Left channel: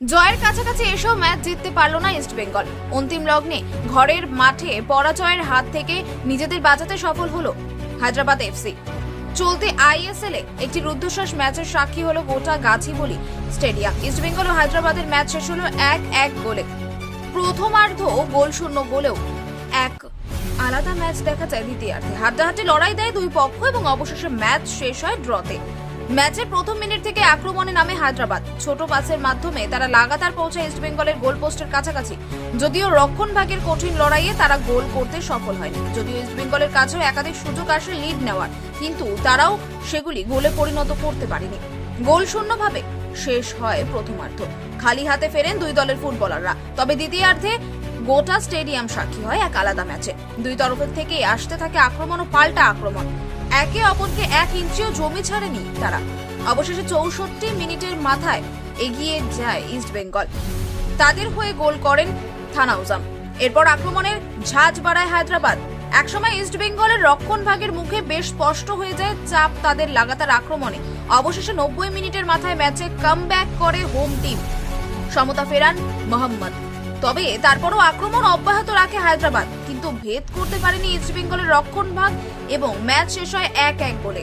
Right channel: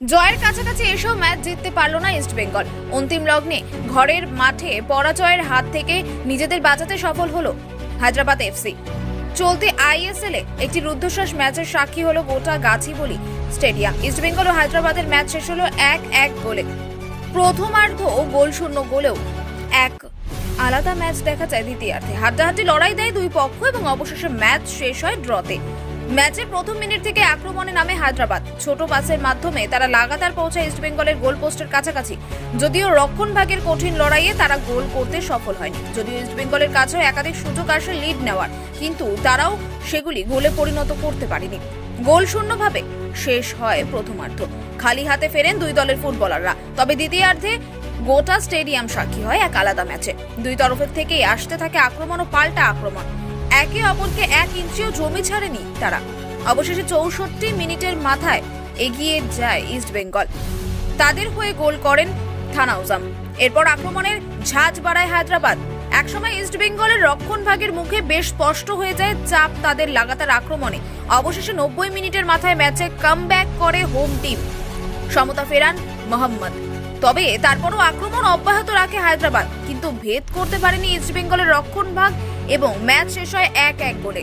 জয়ের কাছাকাছি এসেও ম্যাচ জিততে পারল না ইস্টবেঙ্গল। অন্তিম লগ্নে ঘরের মাঠে পরাজয়ের হাত থেকে নিজেদের বাঁচাতে সফল হলো হায়দ্রাবাদ এফসি। চলতি আইএসএল এ একটি রুদ্ধশ্বাস ম্যাচের সাক্ষী হলো গোটা গাছিবলি স্টেডিয়াম। ইস্টবেঙ্গল ও হায়দ্রাবাদের ম্যাচ শেষ হলো 1-1 গোলে। প্রথমার্ধ গোল শূন্য গোলেও এক আলাদা ম্যাচ দেখা যায় দ্বিতীয়ার্ধে। হাড্ডাহাড্ডি লড়াই দেয় দুই পক্ষ এবং অবশেষে ম্যাচ শেষ হয় ড্রতে। ম্যাচের প্রথম মিনিট থেকে আক্রমণে নামে হায়দ্রাবাদ। ছোট পাসের মাধ্যমে তারা লাগাতার পৌঁছায় ইস্টবেঙ্গলের গোল পোস্টের কাছাকাছি। যদিও রক্ষণভাগের কঠিন লড়াইয়ে তারা গোল করতে সফল হয়নি। যদিও ইস্টবেঙ্গলের কাছেও একাধিক সুযোগ আসে লিড নেওয়ার, কিন্তু তারাও সেগুলি গোলে পরিণত করতে পারেনি। গোল শূন্যভাবে শেষ হয় প্রথমার্ধ। খালি হাতে ফেরেন দুই দলের ফুটবলাররা। তবে দ্বিতীয়ার্ধে গোটা স্টেডিয়াম সাক্ষী হয় এক আলাদা ম্যাচে। দুই তরফের থেকেই আসতে থাকে আক্রমণ ও পাল্টা আক্রমণ। একে অপরকে 1 ইঞ্চিও জমি ছাড়েনি তারা। অবশেষে 64 মিনিটের মাথায় এগিয়ে যায় ইস্টবেঙ্গল। তাদের হয়ে গোল করেন থানাউজাম। এরপর আক্রমণের ঝাঁজ বাড়ায় হায়দ্রাবাদ। একসময় ইস্টবেঙ্গলের রক্ষণভাগের মুখে বেশ স্পষ্ট হয়ে যায় চাপ তাদের লাগাতার আক্রমণে। অবশেষে 90 মিনিটের মাথায় ম্যাচে কামব্যাক করে হোম টিম। সমতা ফেরান মোহাম্মদ। তবে তারপরও আক্রমণ অব্যাহত রাখে হায়দ্রাবাদ, কিন্তু ভেদ করতে পারেনি ইস্টবেঙ্গলের রক্ষণভাগ এবং ম্যাচ শেষ হয় 1-1 গোলে।